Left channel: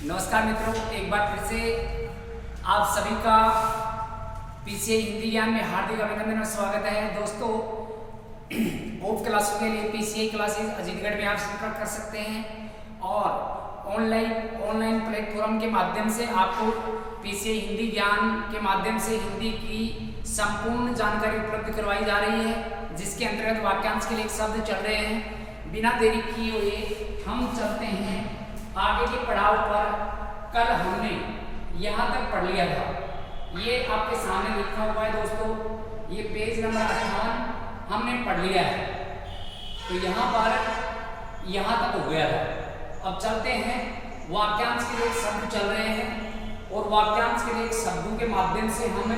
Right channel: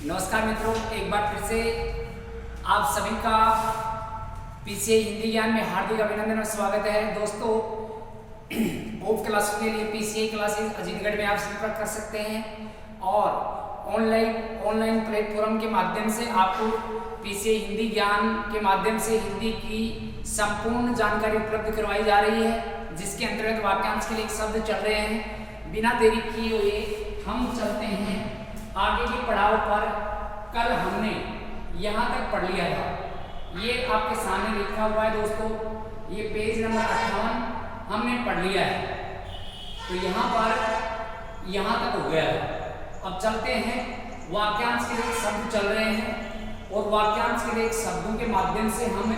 नमस्कार मित्रों, एक बार फिर से आप सभी का पीसीआई हिंदी ज्ञान में हार्दिक अभिनंदन और स्वागत है। दोस्तों, ऑफ क्लासेस के लिए पीसीआई क्लासेस अजीतगढ़ में आप संपर्क कर सकते हैं और ऑनलाइन प्लेटफॉर्म के माध्यम से आपको पीसीआई हिंदी ज्ञान के माध्यम से हिंदी की संपूर्ण जानकारी उपलब्ध करवाई जा रही है, जिसके अंतर्गत वाक्यांश के लिए एक शब्द चल रहे हैं। बिना देरी किए हुए हम चलते हैं आगे के पड़ाव पर। कल हमने यहाँ तक पढ़ लिया था, ये आपके सामने लिखा हुआ है दोस्तों, ये पेज नंबर 58 हमने पढ़ लिया है। तो यहाँ पर यहाँ तक हो गया था। अब चलते हैं, वाक्यांश के लिए शब्द चल रहे हैं और वाक्यांश के लिए शब्दों के माध्यम से हम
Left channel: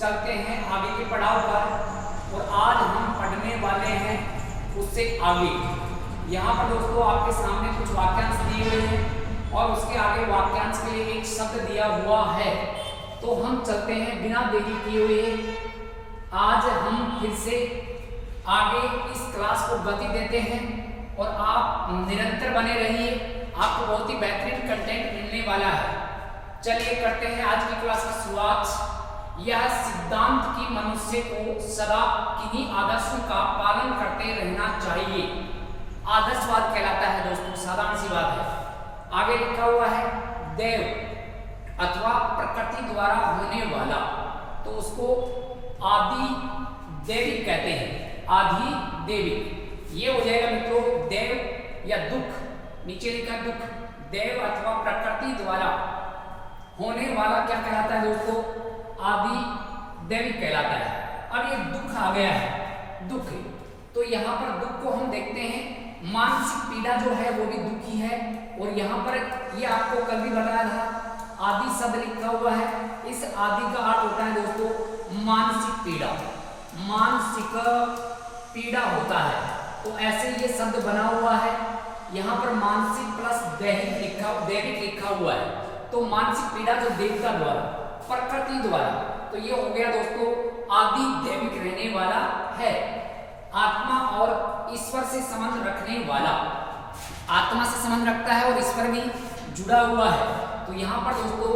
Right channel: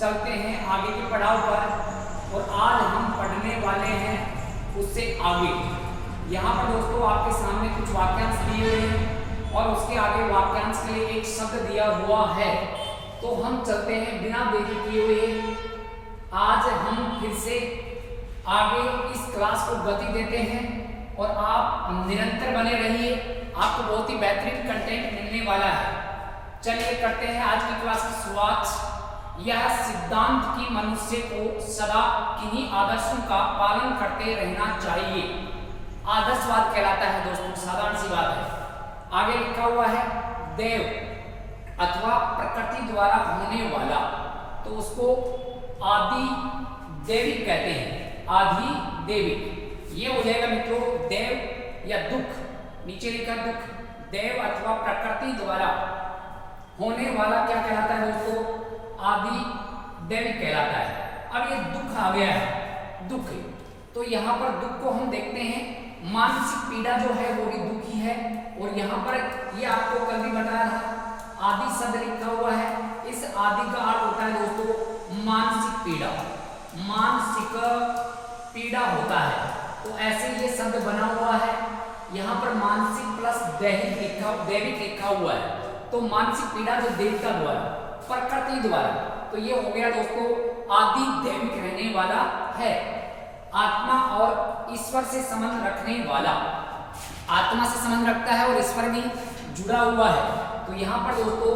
चलते हैं आगे के पड़ाव पर। और आज हम पढ़ने वाले हैं उससे आगे। यहाँ पर दोस्तों आपके सामने कुछ वाक्यांश दिए हुए हैं और उसके आगे वाक्यांश के लिए एक शब्द दिया हुआ है। तो हम चलते हैं बिना देरी किए हुए। आज हम फिर से आगे इस क्लास को गति देते हैं और आप निरंतर बने रहिए, आपको बहुत ही बेहतरीन कंटेंट मिलने वाला है। चलिए करते हैं आज की क्लास की शुरुआत। यह सिद्धांत कि मनुष्य को सदा किन्हीं आदर्शों का पालन करते रहना चाहिए आदर्शवाद कहलाता है दोस्तों, साधारण सी बात है। आगे लिखा हुआ है देव अथवा प्रकृति द्वारा होने वाला, तो उसको आदि देविक कहते हैं। आदि देविक ये हो जाएगा मित्रों देव या दुख। नीचे लिखा दुख, देव अथवा प्रकृति द्वारा होने वाला क्या कहलाता है दोस्तों? आदि देविक कहलाता है। अब ये दुख आ गया है, दुख, तो यहाँ पर दुख को हम देखते हैं, मानसिक पीड़ा जो है वो भी दुखी है। और यहाँ पर ये आपको कल भी बताया था, आदि शब्द लिखा हुआ है। इस आदि का अर्थ होता है दोस्तों मानसिक पीड़ा, मानसिक पीड़ा होता है। तो ऐसे ये शब्द बना हुआ है। यहाँ पर मानसिक प्लस दैविक लिखा हुआ है। तो मानसिक पीड़ा जो देवता द्वारा, प्रकृति द्वारा, तो ये हो गया दोस्तों आदि दैविक रहने वाला है। आत्मा और ईश्वर से संबंध रखने वाला, आत्मा से संबंध रखता है और ईश्वर भी जुड़ा हुआ है। तो यहाँ पर दोस्तों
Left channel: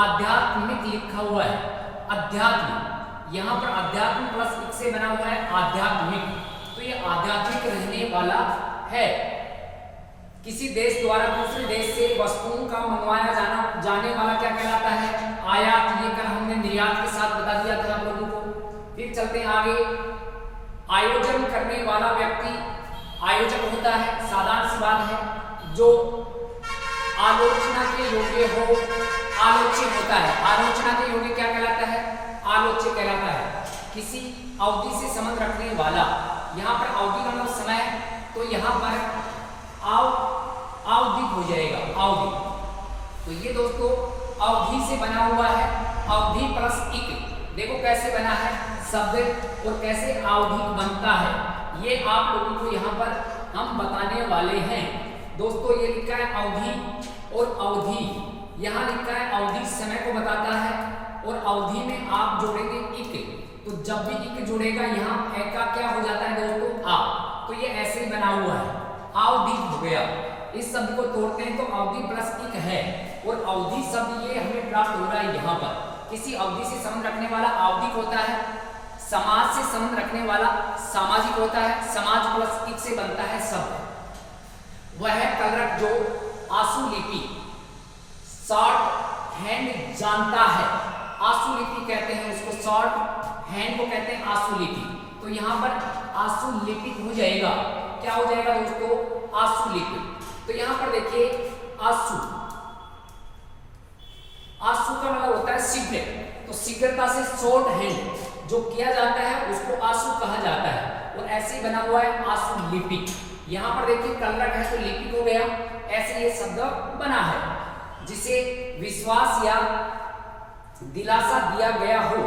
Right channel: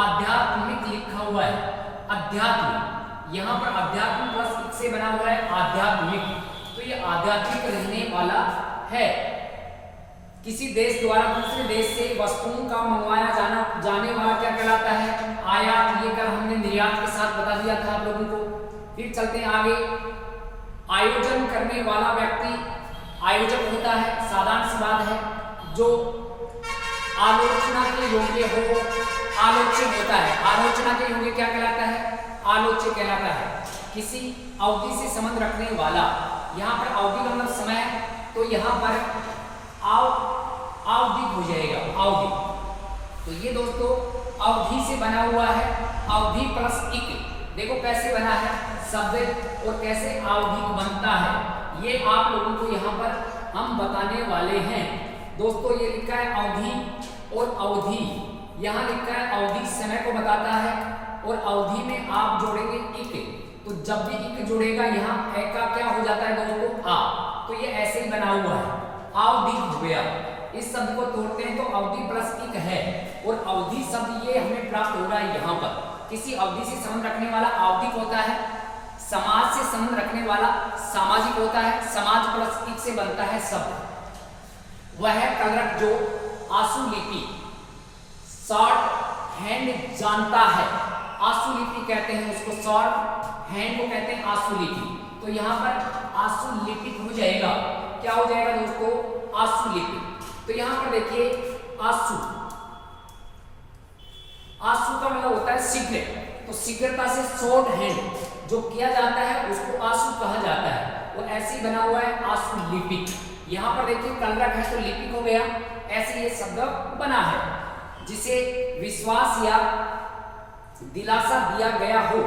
आध्यात्मिक लिखा हुआ है, अध्यात्म। यहाँ पर अध्यात्म प्लस एक से बना हुआ है आध्यात्मिक, तो ये आध्यात्मिक रहने वाला है। किसी देश द्वारा दूसरे देश से वस्तुओं का मंगवाया जाने वाला क्या कहलाता है? आयात। ये कल हमने निर्यात के साथ बता दिया था आप लोगों को। फिर चलते हैं आगे। आयोजन करने वाला व्यक्ति आयोजक होता है, साधारण सी बात है। जो आलोचना के योग्य हो, आलोच्य होता है। आलोचना के योग्य क्या कहलाता है? आलोच्य कहलाता है। किसी अवधि से संबंध रखने वाला, यहाँ पर अवधि का मतलब समय, तो यहाँ पर अवधि हो जाएगा, अवधि। तो ये दोस्तों अवधि से बना हुआ है, अवधि प्लस इक। देखो कैसे बना है शब्द और कैसे अवधि बनता है, ये आप लोगों को यहाँ पर हम बताने वाले हैं। दोस्तों ये लिखा है अवधि और अवधि, यहाँ लिखा है अवधि समय को बताता है और अवधि में आप जोड़ेंगे इक। तो जब भी इक जुड़ेगा यहाँ ए का क्या हो जाता है दोस्तों? आ। तो ये ऐसे ही बना हुआ है, अवधि हो गया। इस शब्द को तोड़ते हैं तो अवधि प्लस इक है और अवधि शब्द ये हमें प्राप्त हो रहा है यहाँ पर। किसी अवधि से संबंध रखने वाला आवधिक होता है, समाज से संबंध रखने वाला सामाजिक होता है। समाज प्लस इक से बनता है शब्द। वह कलरक जो आशुलिपि शॉर्ट हैंड जानता है, आशुलिपि कहते हैं उसको, शॉर्ट हैंड को कहते हैं आशुलिपि। तो यहाँ पर आशुलिपिक हो जाएगा, क्या हो जाएगा दोस्तों? आशुलिपि। तो यहाँ पर देखिए आशु, आशु का मतलब होता है शीघ्र, तो शीघ्रता से शॉर्ट हैंड जो किया जाता है उसको आशु कहा जाता है। वो ऐसे ही बना हुआ है आशुलिपिक। यहाँ पर देखिए कलरक है तो लिपिक हो गया, ऐसे ये शब्द बना है। जिसे विश्वास या दिलासा दिया गया हो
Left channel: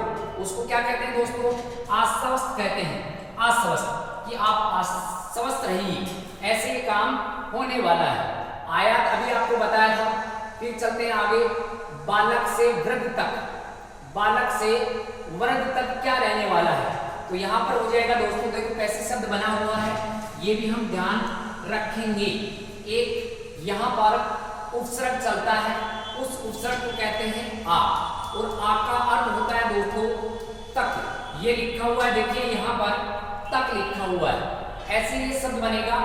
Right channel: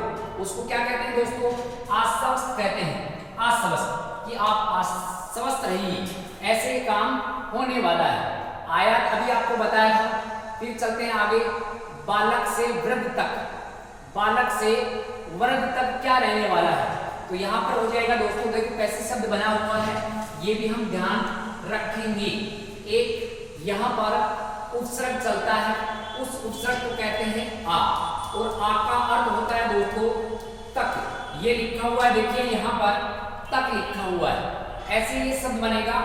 उसको क्या कहते हैं दोस्तों? आश्वस्त कहते हैं। आश्वस्त, कि आप आश्वस्त रहिए, ऐसे ही काम होने वाला है। आयात अभी आपको बताया था। फिर चलते हैं आगे। बालक से वृद्ध तक, बालक से वृद्ध तक क्या रहने वाला है? तो यहाँ पर हो जाएगा दोस्तों, देखो कैसे शब्द बना हुआ है, ये भी हम ध्यान रखेंगे। एक यहाँ पर उपसर्ग चलता है, उस उपसर्ग को कहते हैं आ, और आ का अर्थ होता है दोस्तों तक। ये लिखा हुआ है, देखिए यहाँ पर तक लिखा हुआ है, ऐसे ये शब्द बनेगा।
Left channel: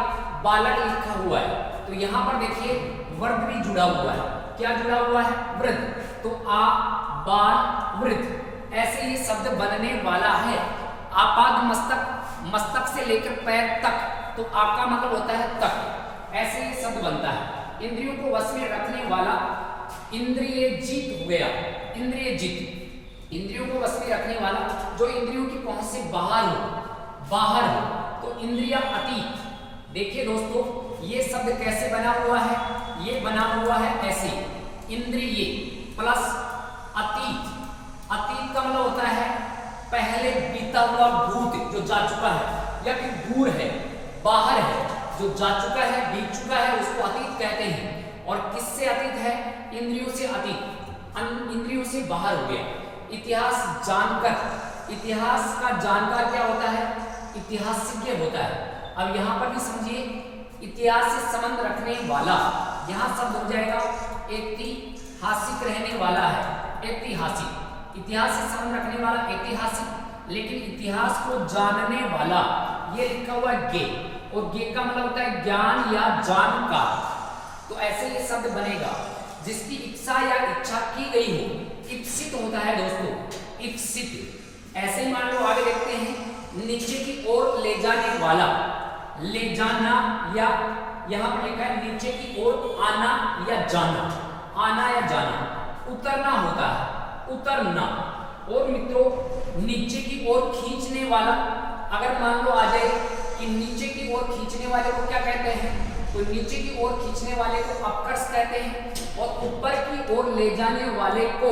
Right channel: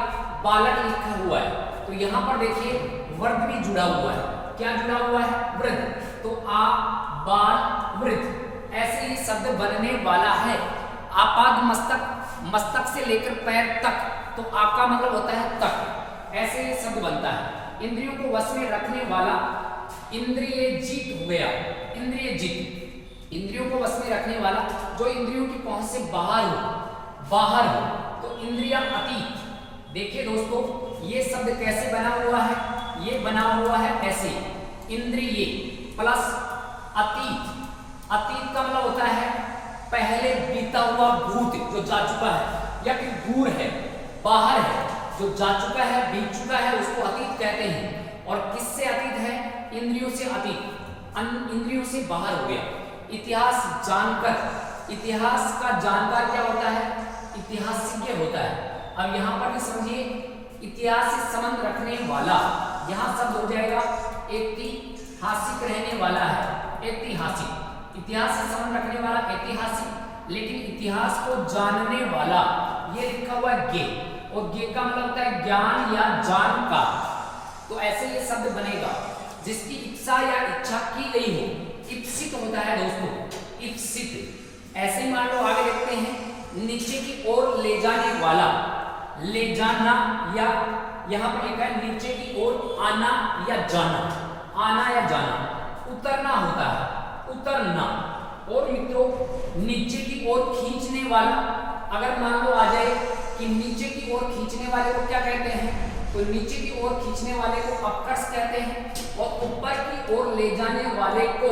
बालक लिखा हुआ है, तो यहाँ पर देखिए वर्ग भी जुड़ा हुआ है। क्या जुड़ा हुआ है? वृद्ध। तो आ बाल वृद्ध, ऐसे ये शब्द बनने वाला है। आपाद मस्तक, मस्तक से लेकर पैर तक, तो आ का मतलब होता है तक, ऐसे ये शब्द बनता है। इंद्रियों को वश में रखने वाला, इंद्रिय जीत हो गया, इंद्रिय जीत, इंद्रियों को वश में रखने वाला, जो इंद्रियों की पहुंच से बाहर हो, बाहर हो, तो इंद्रिया अतीत। देखिए दोस्तों ये शब्द कैसे बना हुआ है, ये बना हुआ है ऐसे, इंद्रिय प्लस अतीत। अतीत का मतलब होता है पहले बीता हुआ भूत, जो जा चुका है, या फिर दूर है, बाहर है, जो जा चुका है, बीत चुका है, उसको अतीत कहते हैं। और किससे अतीत है? इंद्रियों से अतीत, इंद्रियों से बाहर हो गया। इतिहास जानकर, इतिहास का जानकार क्या होता है? इतिहासज्ञ होता है। अब यहाँ पर भी समझिए, इतिहास से संबंध रखने वाला, यहाँ सब बन जाएगा ऐतिहासिक रहने वाला है, ऐतिहासिक। इतिहास से संबंध रखने वाला ऐतिहासिक, लेकिन इतिहास को जानने वाला, ये लिखा हुआ है गे, और गे का मतलब होता है ज्ञान या जानकार। तो ऐसे ये शब्द बनेगा जिसकी इच्छा या इच्छा की गई हो, इप्सित होता है दोस्तों, इप्सित। ऐसे ही मान लो आगे देखते हैं, नीचे की ओर ले जाने वाला, ले जाना, या यहाँ पर लिखा है नीचे की ओर आना या जाना, आना या जाना। उतरना होता है, उतरना। और मित्रों नीचे की ओर खींचने वाला, अगर मान लो आ जाए कि नीचे की ओर खींचने वाले को क्या कहते हैं, तो नीचे की ओर खींचने वाले को अपकर्ष कहते हैं, और ऊपर की ओर ले जाने वाले को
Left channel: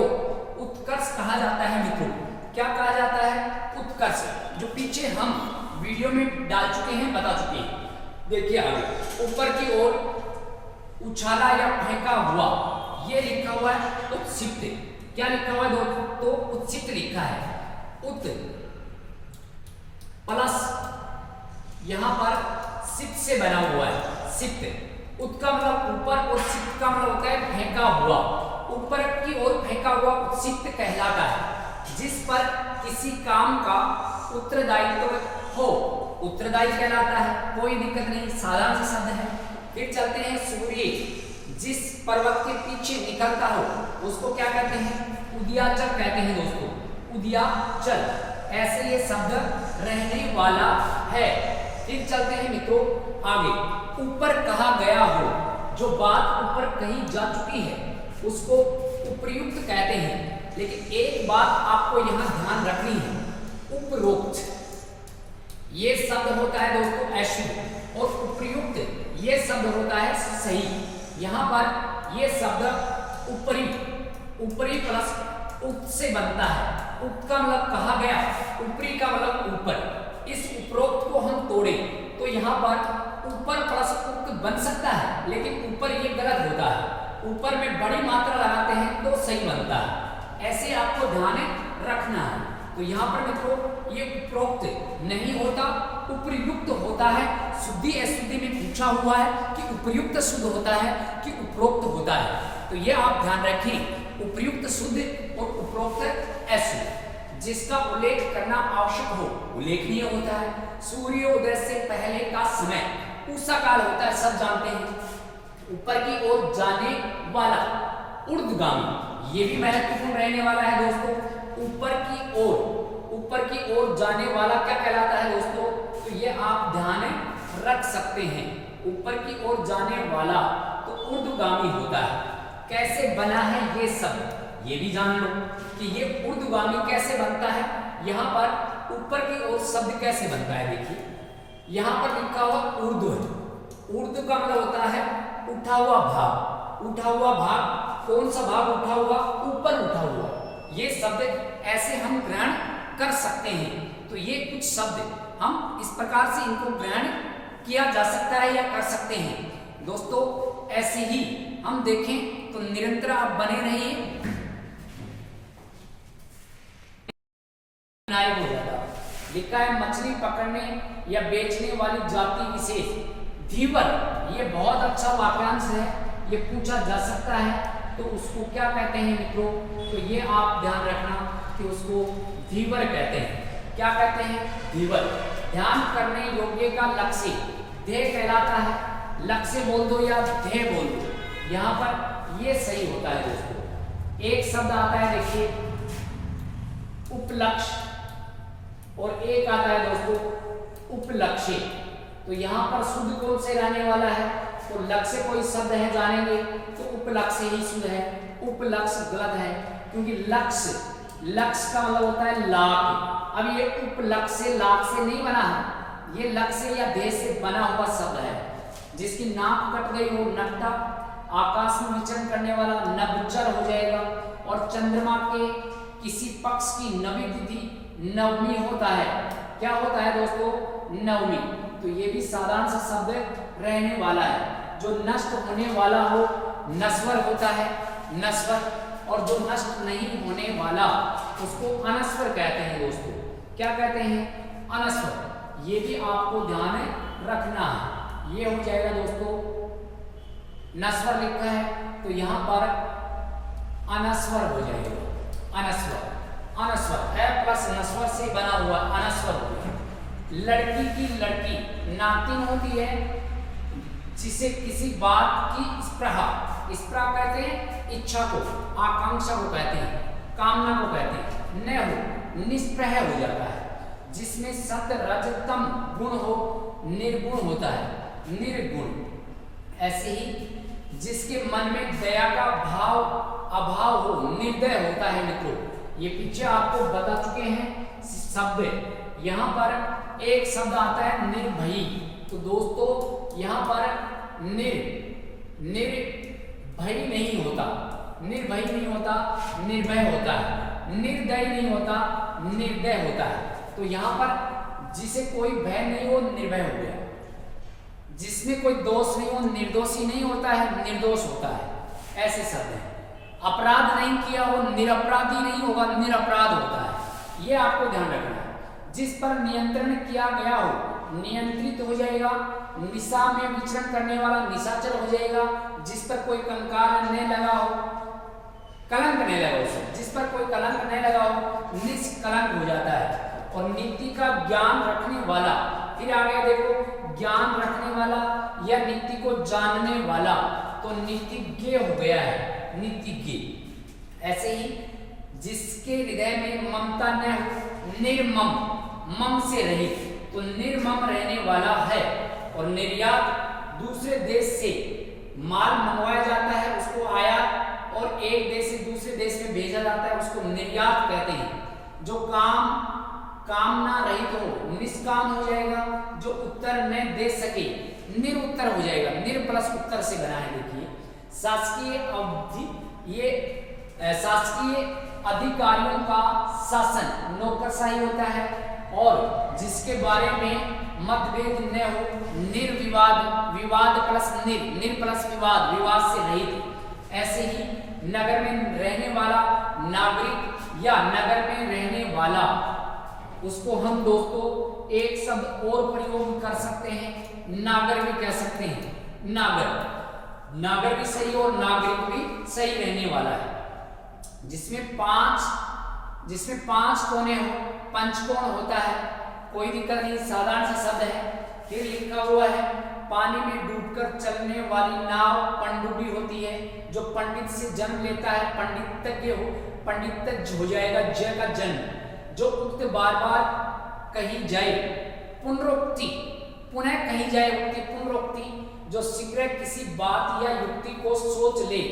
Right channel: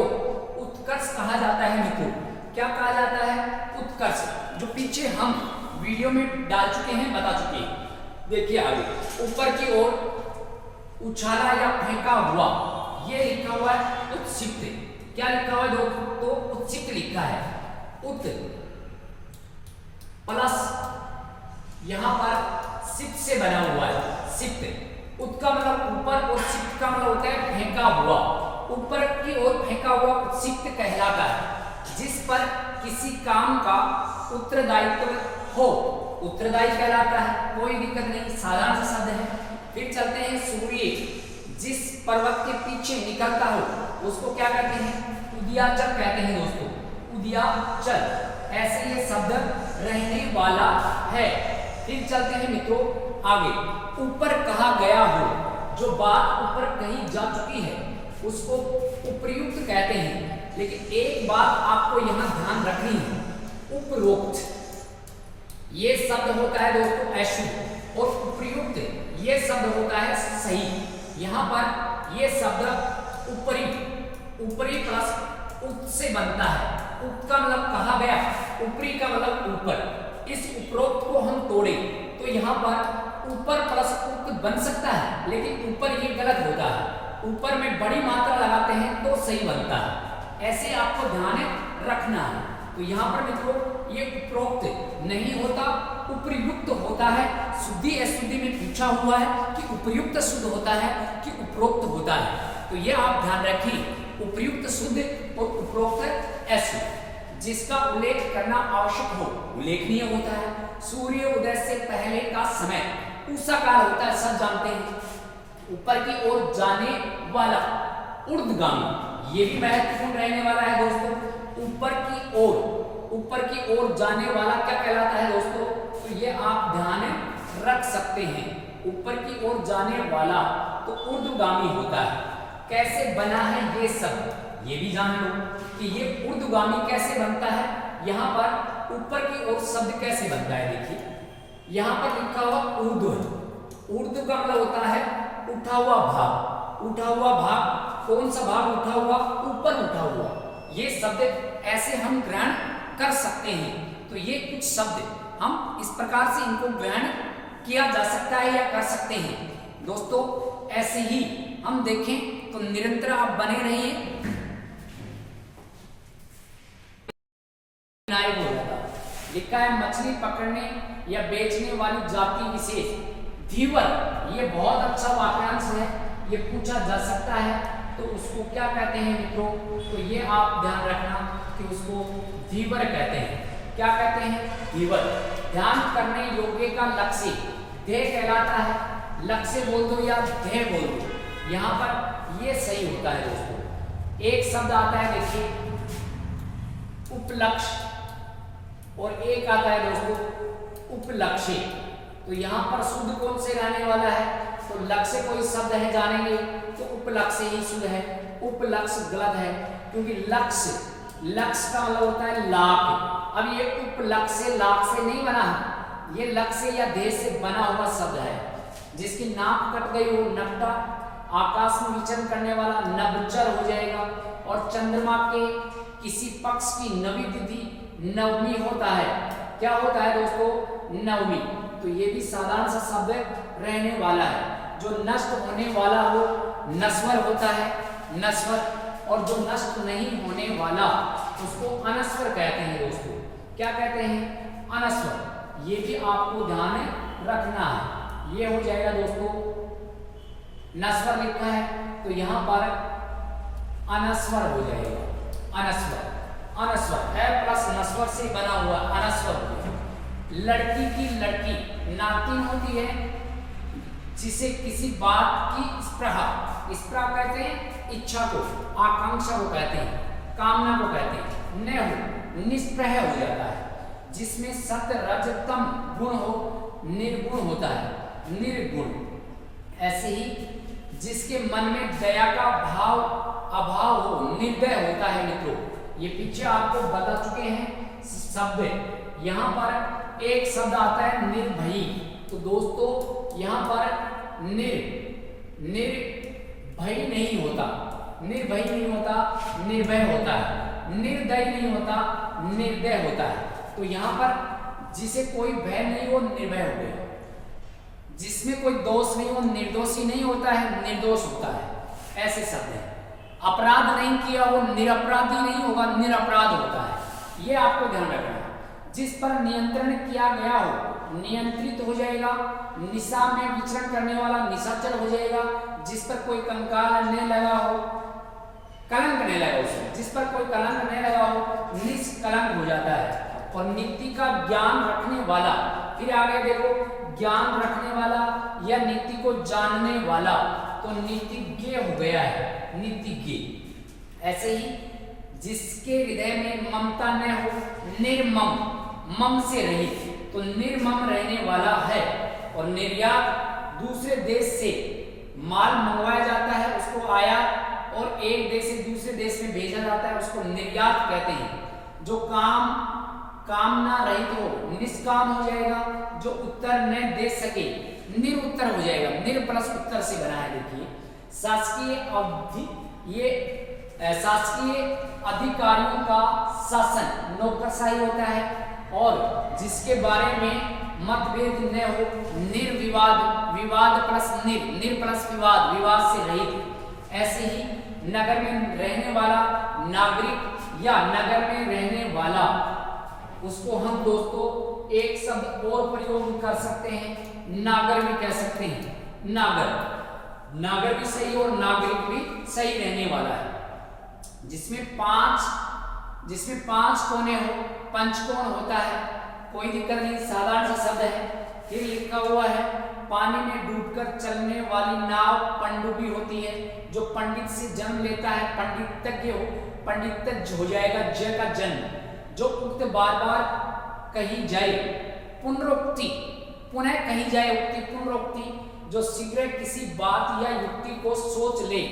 उत्कर्ष कहा जाता है। मित्रों क्या कहा जाता है? उत्कर्ष, जो पीछे हम वीडियो में डाल चुके हैं, बता चुके हैं। देखिए आगे, ऊपर की ओर उछाला या फेंका हुआ, ये लिखा हुआ है उत्क्षिप्त। क्या लिखा हुआ है दोस्तों? उत्क्षिप्त लिखा है। उत प्लस यहां पर सिप्त से बना हुआ है, सिप्त। उत का मतलब ऊपर, और सिप्त का मतलब होता है फेंका हुआ। ऊपर की ओर फेंका हुआ उत्क्षिप्त कहलाता है, जिस पर किसी काम का उत्तरदायित्व हो, उत्तरदायी कहलाता है। कोई दिक्कत नहीं, साधारण सा शब्द है। फिर चलते हैं सूर्य, जिस पर्वत के पीछे निकलता हो उसको क्या कहते हैं? उदयाचल कहते हैं दोस्तों, उदयाचल। ऐसे ये शब्द रहने वाला है। फिर चलते हैं मित्रों आगे, ऊपर कहा गया हो, जो बात ऊपर कही जा चुकी है उसको उपयुक्त कहते हैं। लेकिन एक बात आपको यहाँ ध्यान रखनी है, उपरोक्त ये शब्द होता है दोस्तों अशुभ, और उपयुक्त ये शब्द होता है सही। यहाँ पर ये शब्द ऊपरी, ऊपरी प्लस उक्त से बनता है। उक्त का मतलब कहा गया, ऊपरी का मतलब ऊपर। इस उपरोक्त को हम तोड़े तो यहाँ पर ऊपर प्लस उक्त बन सकता है, लेकिन ऊपर ये गलत होता है। ऊपर में बड़ी मात्रा लगाते हैं तो सही बनता है, ऐसे आपको ध्यान रखना है। तो यहाँ पर मित्रों ये उपरोक्त नहीं होता, उपयुक्त होता है। शुद्धि अशुद्धि में पूछा हुआ है कि उपयुक्त शुद्ध होता है कि उपरोक्त होता है, तो ये आप ध्यान रखें। उपयुक्त शुद्ध और उपरोक्त अशुद्ध। जिसका उल्लेख करना आवश्यक हो उल्लेखनीय होता है। सूर्योदय से पहले का समय उषा काल होता है, सब जानते हैं। ऊपर की ओर जाने वाला ऊर्ध्वगामी, ये भी महत्वपूर्ण रहने वाला है दोस्तों। ऊपर की ओर, ऊपर की ओर जाने वाला क्या कहलाता है दोस्तों? तो ये आप ध्यान रख सकते हैं। ऊपर की ओर जाने वाला तो ऊर्ध्वगामी होता है। कैसे बना है ये शब्द, ये भी जान लो कि ये ऊर्ध्वगामी कैसे बनता है। यहाँ पर ऊपर की ओर शब्द कैसे बनता है, देखिए यहाँ पर लिखा हुआ ऊर्ध्व है। ऊर्ध्व का मतलब होता है उठा हुआ भाग। उठा हुआ भाग, कौन सा भाग उठा हुआ? ऊपर उठा हुआ। ये शब्द ऐसे हम ग्रहण कर सकते हैं। तो ये कुछ शब्द हम इस प्रकार से इनको ग्रहण किया जा सकता है या कर सकते हैं दोस्तों। ऐसे ही हम देखें तो निरंतर आप बने रहिए। लिखा है मछली पकड़ने या बेचने वाली जाति विशेष धीवर। ये बहुत अच्छा वाक्यांश है, ये पूछा जा सकता है तो उसको क्या कहते हैं मित्रों? तो ये आप ध्यान रखना कि उसको धीवर कहते हैं। क्या कहते हैं? धीवर। ध्यान करने योग्य का लक्ष्य ध्येय कहलाता है। लक्ष्य बोल दो या ध्येय बोल दो, यहाँ पर ये सही होता है दोस्तों। एक शब्द आता है देखिए उपलक्ष्य, और एक आता है दोस्तों उपलक्ष्य। तो यहाँ पर शुद्ध कौन से रहने वाला है? तो लक्ष्य कोई शब्द है जानेंगे तो उपलक्ष्य ही शुद्ध है। उपलक्ष्य गलत है, क्योंकि लक्ष्य का मतलब होता है लाख। अब ये उपलक्ष्य लाख से नहीं बना है, ये लक्ष्य या देश से बना हुआ शब्द है। जिसकी नाक कट गई हो नकटा, आकाश में विचरण करने वाला नभचर हो जाएगा। और चंद्रमा के किसी पक्ष की नवी तिथि नवमी होता है। क्या होता है दोस्तों? नवमी। तो ये भी साधारण सा शब्द रहने वाला है। जो नष्ट होने वाला हो नश्वर होता है, नश्वर। और जो नष्ट नहीं होने वाला उसको अनश्वर कहते हैं दोस्तों। क्या कहते हैं? अनश्वर। ये भी आपको ध्यान रखना है। ये हो जाएगा दोस्तों, नश्वर लिखा है तो यहाँ पर अनश्वर हो जाएगा। अनश्वर है प्लस नश्वर से बना हुआ अनश्वर हो जाएगा। लड़की की लड़की नातिन होती है जिसे किसी बात की स्पृहा कहते हैं इच्छा को, आकांक्षा को कहते हैं, कामना को कहते हैं। न हो निष्प्रह हो जाता है। जिसमें सत्य रजतम गुण हो निर्गुण होता है, निर्गुण। ऐसे ही जिसके मन में दया का अभाव हो निर्दय होता है मित्रों। ये पीछे आपको बता चुके हैं शब्द। यहाँ पर एक शब्द आता है निर्भयी। तो दोस्तों यहाँ पर निर्भय नहीं होता, निर्भय नहीं होता, निर्भय होता है। निर्दय नहीं होता, निर्दय होता है। तो यहाँ पर जिसे कोई भय नहीं हो निर्भय हो गया, जिसमें कोई दोष नहीं हो निर्दोषी नहीं होता है, निर्दोष होता है। ऐसे शब्द है। अपराध नहीं किया वो निरपराधी नहीं होगा, निरपराध होता है। ये आपको ध्यान रखना है। जिस पर नियंत्रण किया गया हो नियंत्रित हो जाएगा। निशा में विचरण करने वाला निशाचर हो जाएगा। जिस पर कोई कंकाल न लगा हो, कलंक नहीं लगा उसमें, जिस पर कोई कलंक नहीं लगा हो निष्कलंक हो जाता है। और नीति का ज्ञान रखने वाला, फिर आगे देखो ज्ञान रखने वाला या नीति को जानने वाला, तो नीतिज्ञ हो गया है, नीतिज्ञ। ऐसे ही जिसके हृदय में ममता न हो निर्मम, मम से रहित, तो निर्मम रहने वाला है। और निर्यात दूसरे देश से माल मंगवाया जाता है, उसको आयात, और एक देश से दूसरे देश में भेजा जाता है, उसको निर्यात कहते हैं। जो कामना रहित हो निष्काम हो जाएगा। जो उत्तर न दे सके निरुत्तर हो जाएगा। निर प्लस उत्तर से बना है। देखिए शासकीय अधिकारियों का शासन नौकरशाही होता है। और जिसके बारे में मतभेद न हो निर्विवाद, विवाद प्लस निर प्लस विवाद, विवाद से रहित। ऐसे ही नगर में रहने वाला नागरिक या नगर में रहने वाला, उसको हम दोस्तों एक शब्द और प्रयोग कर सकते हैं, नागर भी कह सकते हैं। नागर भी सही और नागरिक भी सही रहने वाला है। जिसमें पांच कोने हो, पंचकोण होता है, कोई दिक्कत नहीं, साधारण सा शब्द है। फिर लिखा हुआ है पानी में डूबकर चलने वाली नाव पनडुब्बी होती है। जो पंडित से जन्म लेता है पंडितज्ञ हो जाएगा, जय का जन्म। जो उक्त बार बार कही जाए पुनरुक्ति, पुनः कही जाए उक्ति, पुनरुक्ति। जो शीघ्र किसी बात या युक्ति को सोच ले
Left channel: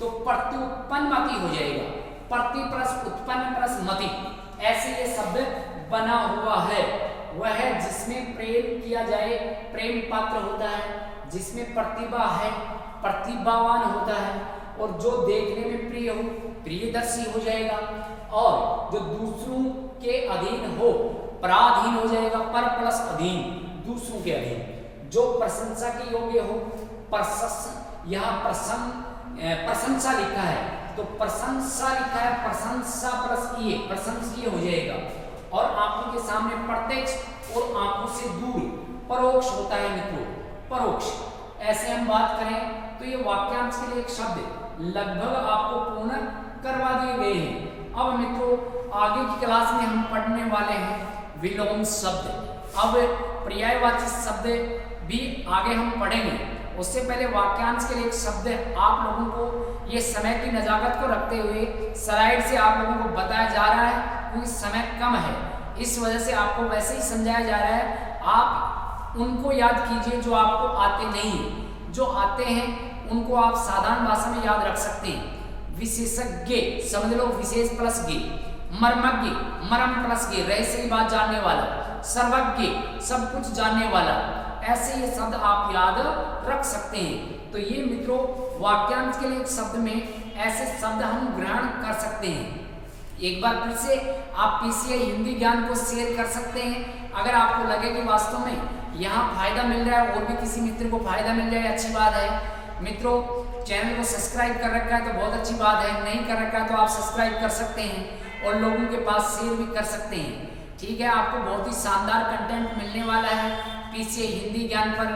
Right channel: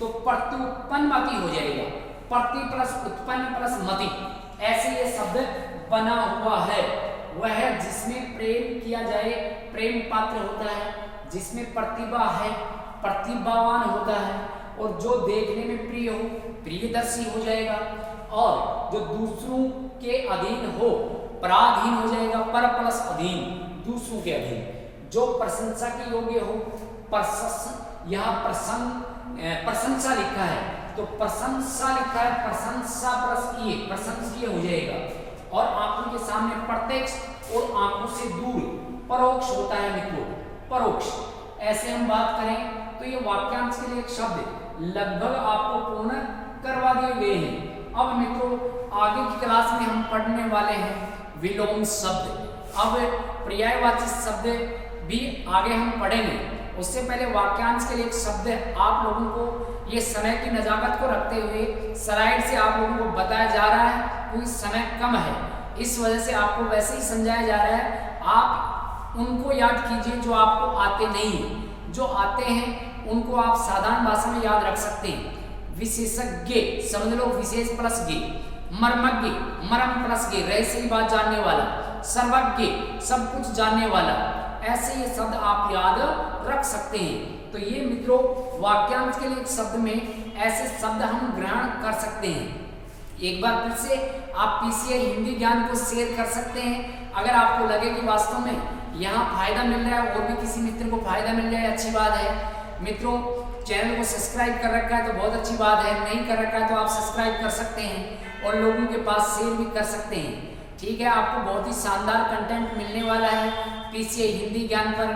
तो प्रत्युत्पन्नमति हो जाएगा। प्रति प्लस उत्पन्न प्लस मति, ऐसे ये शब्द बना हुआ है। वह है जिसमें प्रेम किया जाए, प्रेम पात्र होता है। जिसमें प्रतिभा है, प्रतिभावान होता है। और जो देखने में प्रिय हो, प्रियदर्शी हो जाएगा। और जो दूसरों के अधीन हो, पराधीन हो जाएगा। पर प्लस अधीन, दूसरों के अधीन। जो प्रशंसा के योग्य हो, यहाँ प्रशंसा लिखा है तो प्रशंसा लिखा है, प्रशंसा प्लस ये प्रशंसनीय हो जाएगा। और आंखों के सामने प्रत्यक्ष और आंखों से दूर परोक्ष होता है मित्रों, परोक्ष। ऐसे हम बात करें तो ये वाक्यांश के लिए एक शब्द लगभग आपको पूर्ण करवा दिए गए हैं। अब मित्रों आगे की क्लास में हम पढ़ने वाले हैं विलोम शब्द। अब पर्यायवाची शब्द भी आगे हम पढ़ेंगे, उससे पहले वाक्यांश के लिए एक शब्द आप लोगों को ये समय की नजाकत को रखते हुए स्लाइड से आप लोगों को बताया जा रहा है, क्योंकि समय कम है इस वजह से आपको वैसे ही समझाया जा रहा है। आप उनको याद कीजिए जो आपको आते नहीं है, जो आते हैं उनको आप साधारण भाषा में याद रख सकते हैं। विशेषज्ञ समझ लो, विशेष प्लस गे। मर्मज्ञ मरम प्लस गे, रहस्य की बात जानने वाला। सर्वज्ञ सब कुछ जानने वाला। ऐसे ये शब्द आप याद रख सकते हैं। तो ये मित्रों वाक्यांश के लिए शब्द में ऐसे शब्द हम ग्रहण कर सकते हैं। एक बार फिर से आप पीसीआई हिंदी ज्ञान को शेयर कर सकते हैं। अगर आपको लगे कि वास्तव में यहाँ फायदा मिल रहा है और भी किसी मित्र को फायदा मिल जाए, अच्छी बात है। मित्रों चैनल को सब्सक्राइब कर रखा है तो बहुत अच्छी बात है, नहीं कर रखा है तो आप सब्सक्राइब कर सकते हैं और लोगों के पास शेयर भी कर सकते हैं। ठीक है, आपको बहुत ही शानदार कंटेंट मिलने वाला है। पीसीआई हिंदी ज्ञान पर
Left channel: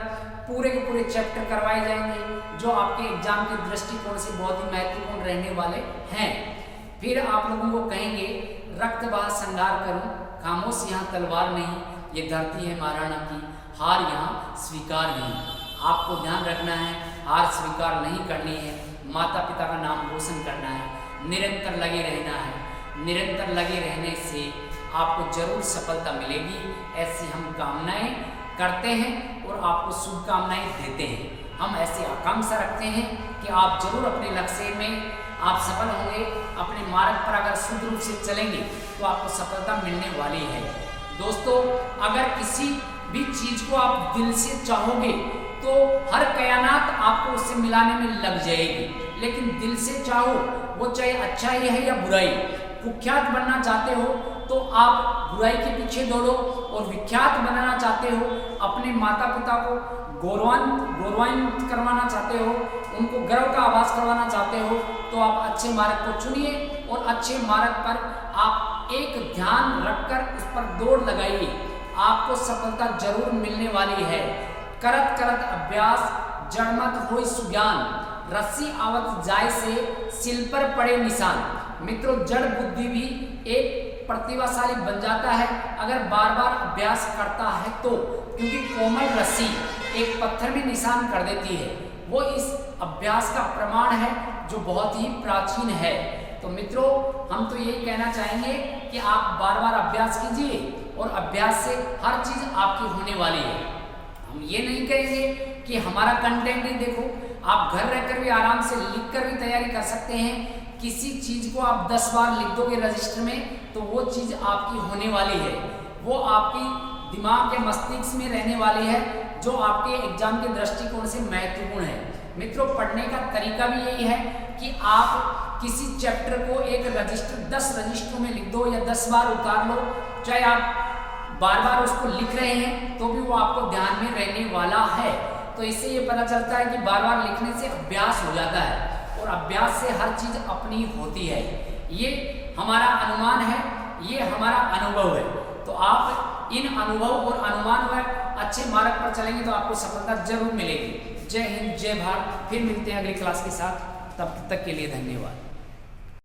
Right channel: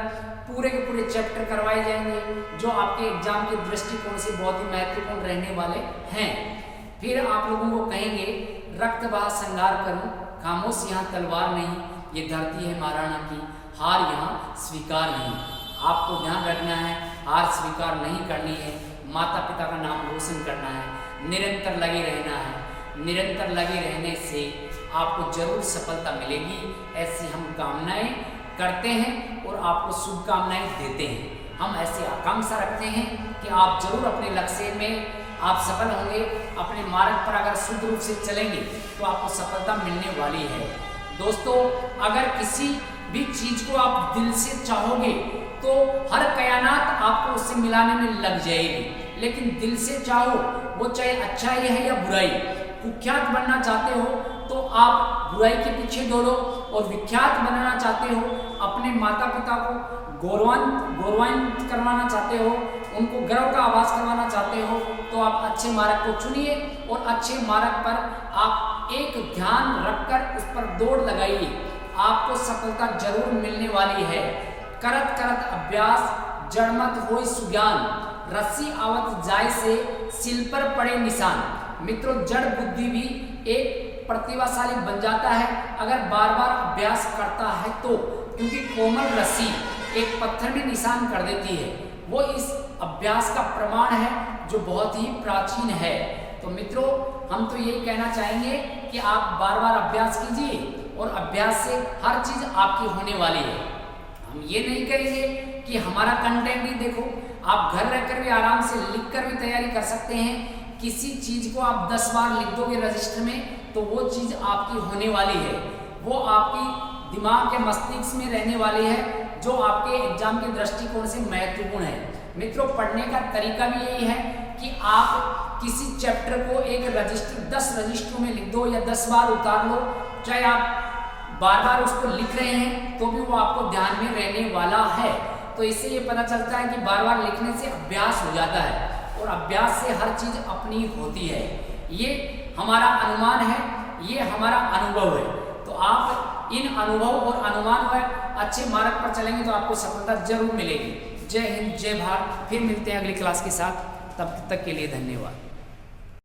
पूरे के पूरे चैप्टर करवाए जाएंगे जो आपके एग्जाम के दृष्टिकोण से बहुत ही महत्वपूर्ण रहने वाले हैं। फिर आप लोगों को कहेंगे रक्त बहा संगार करूं, खामोश यहाँ तलवार नहीं, ये धरती है महाराणा की, हार यहाँ स्वीकार नहीं। आपको ध्यान रखना है, हार स्वीकार नहीं करनी है, माता पिता का नाम रोशन करना है, निरंतर लगे रहना है। निरंतर लगे रहने से आपको जरूर सफलता मिलेगी, ऐसी हम कामनाएं करते हैं और आपको शुभकामनाएं देते हैं। हम ऐसी आकांक्षा रखते हैं कि आप जरूर अपने लक्ष्य में आप सफल होंगे। अपने मार्ग पर अगर शुद्ध रूप से चलेंगे तो आपको सफलता मिलने वाली है। दोस्तों अगर किसी भी चीज को आप दिल से चाहोगे तो हर कयानात आपको उससे मिलाने में लग जाएगी, लेकिन दिल से चाहो वो चाहे अच्छाई है या बुराई। कुख्यात बनना चाहते हो तो आप बुराई के पीछे दौड़ो, और विख्यात बनाना चाहते हो, अपने माता पिता को गौरवान्वित करवाना चाहते हो, उनको गर्व का आभास करवाना चाहते हो, तो आप अच्छे मार्ग को चुनिए और अच्छे मार्ग पर आप एक ध्यान रखकर उस पर दौड़ लगाइए। आपको सफलता जरूर मिलने वाली है। करत करत अभ्यास जड़मत होई सुज्ञान, रस्सी आवत जाय से सिल पर पड़े निशान। मित्रों जड़ बुद्धि भी एक प्रतिभाशाली बन जाता है अगर बार बार अभ्यास करता है तो, क्योंकि कोमल रस्सी एक पत्थर में निशान कर देती है। वो इस अभ्यास का प्रमाण है जो बहुत ही प्राचीन है। तो मित्रों हम तो यही कहना चाहेंगे कि आप बार बार अभ्यास कीजिए और अभ्यास से हर चीज आपकी होने वाली है। हम ये नहीं कहेंगे कि हमारा कंटेंट ही देखो, आप घर रहकर भी आराम से लिख कर भी तैयारी कर सकते हैं। किसी चीज को आप 10 बार लिख दोगे रजिस्टर में तो वो चीज आपकी होने वाली है, वो आपकी दिमाग के मस्तिष्क में रहने वाली है, जो आपके एग्जाम के दृष्टिकोण से महत्वपूर्ण है। मित्रों पढ़ने का तरीका भी यही है कि आप किसी चैप्टर को एक रजिस्टर 10 रजिस्टरों में लिख दो या 10 बार उतार लो, चाहे आप बार बार उसको लिख रहे हैं तो भी वो आपको ध्यान में रहने वाला है। तो इससे ये पता चलता है कि बार बार लिखने से अभ्यास हो जाता है और अभ्यास से हर चीज अपनी होती है। ये हमारा अनुमान है, ये हमारा अनुभव है। तो आप इन अनुभव और अनुमान पर अच्छे मार्ग पर चलेंगे तो आपको सफलता जरूर मिलेगी। जय हिंद, जय भारत। फिर मिलते हैं अगली क्लास के साथ, तब तक के लिए धन्यवाद।